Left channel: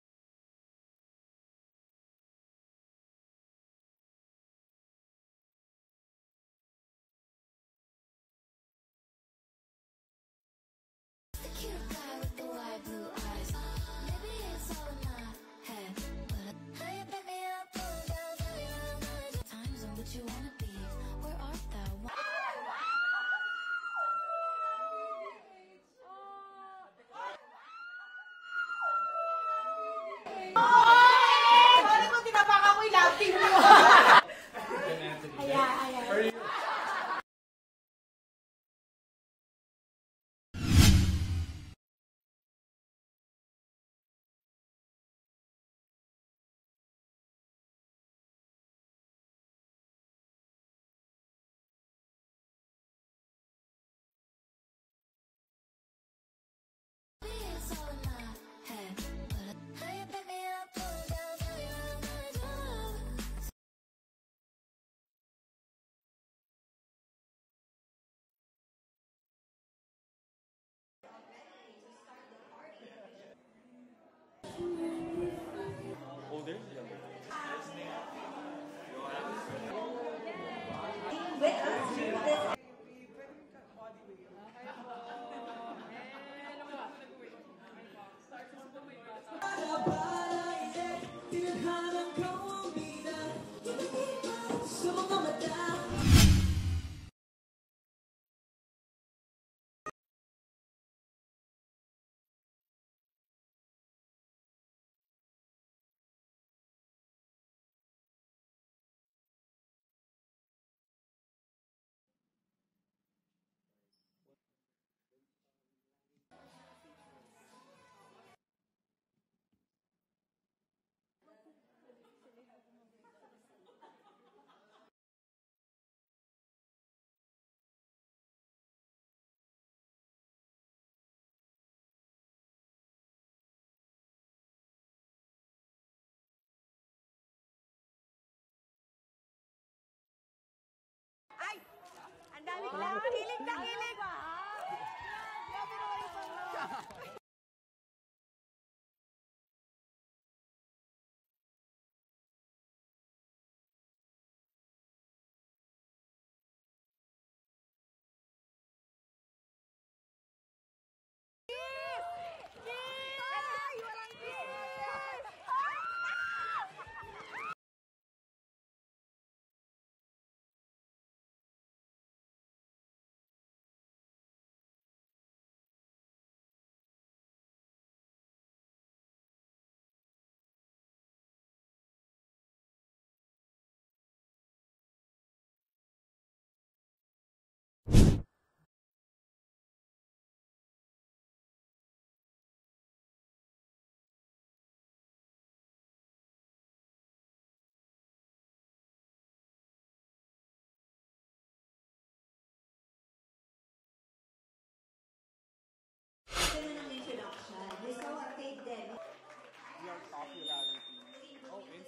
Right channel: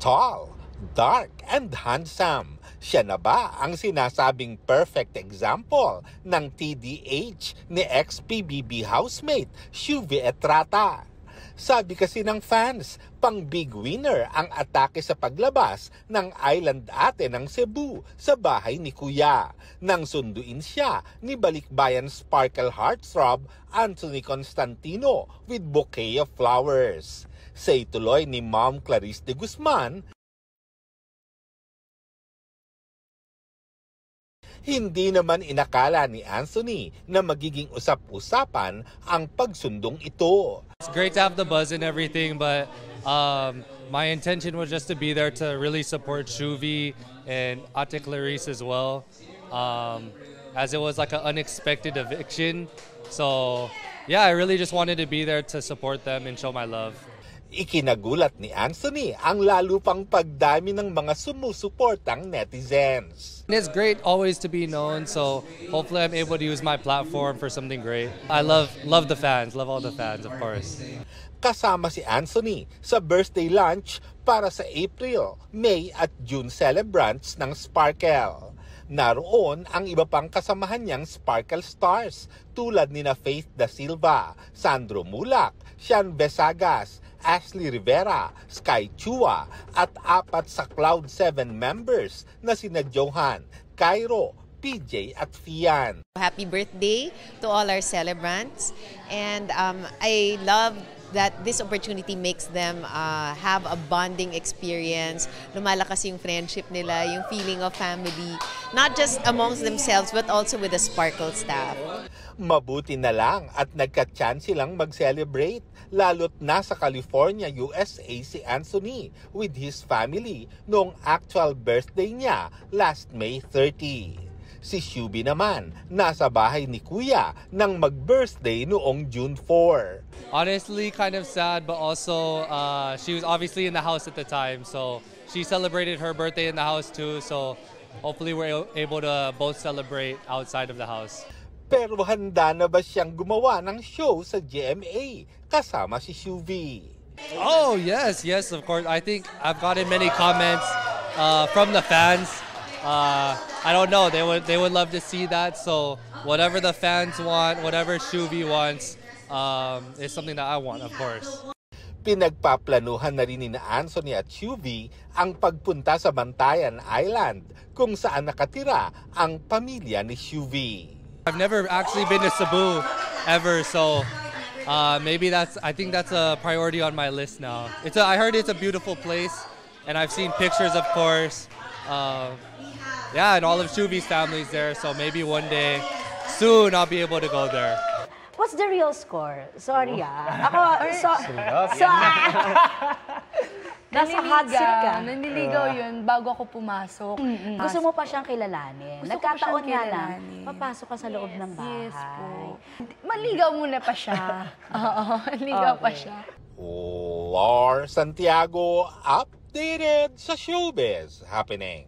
Tall, dark, and handsome. Siya na ba ang sinasabing perfect example ng TDH ni ex-PBB housemate Shuvi Etrata? Sabi kasi ng fans, pang big winner ang atake sa paglabas ng Island Ate ng Cebu sa bahay ni Kuya nang sunduin siya ni balikbayan sparkle heartthrob Anthony Constantino with bouquet of flowers. Say tuloy ni Ma'am Clarice de Guzman, hindi naman inakala ni Anthony na magiging usap-usapan ang pagsundong ito. Great to have the buzz and everything, but my intention was just to be there to really support Shuvi and Ate Clarice as well, as it was like an unexpected eviction. So yeah, I really just wanted to be there to support them and show my love. Ikinagulat ni Anthony ang lalo pang pagdami ng mga sumusuportang netizens. It's great always to be known, so hopefully I'm able to use my platform for something great. I love the fans, love all the fans, of course. Kasama si Anthony sa birthday lunch para sa April, May at June celebrants ng Sparkle. Naroon ang iba pang kasamahan niyang Sparkle stars tulad nina Faith Da Silva, Sandro Mulak, Sean Besagas, Ashley Rivera, Sky Chua at 4 sa Cloud 7 members na sina Johan, Cairo, PJ at Fian. Happy birthday to all our celebrants, and I love that this opportunity makes them have a bonding experience. Lumalakas yung friendship nila, yung feeling of family, not just amongst themselves but also with the Sparkle staff. Mabuti na lang at nagka-chance silang mag-celebrate, lalo't nasa California, USA si Anthony with his family noong actual birthday niya last May 30. Si Shuvi naman, nasa bahay ni Kuya nang mag-birthday noong June 4. Honestly, kind of sad, but also she was obviously in the house at the time, so she celebrated her birthday in the house too, so hopefully we're able to both celebrate outside of the house. Pero handa na ba siyang gumawa ng show sa GMA kasama si Shuvi? Oh, yes, of course. I think I've gotten many comments from the fans. I don't know, they would love to see that, so whatever the fans want, whatever Shuvi wants, is something that I want, of course. Pinagpaplanuhan na rin ni Anthony at Shuvi ang pagpunta sa Bantayan Island kung saan nakatira ang pamilya ni Shuvi. I've never actually been to Cebu ever, so I think that's a priority on my list now. I heard it's a beautiful place, and I've seen pictures, of course. Yeah, and all of Shuvi's family's there, so maybe one day, soon, I'll be able to go there. What's the real score? Sorry nasa hot seat ka. Nanliligaw yun bago ako pumasok. Gusto mo pa siyang kilalanin. Gusto ko Nagkataon siyang nga lang, kilalanin. papasok ka sa loob ng bahay. Yes po. Maligaw muna pa siya. Oo, maligaw pa siya. Lars Santiago, updated sa showbiz happening.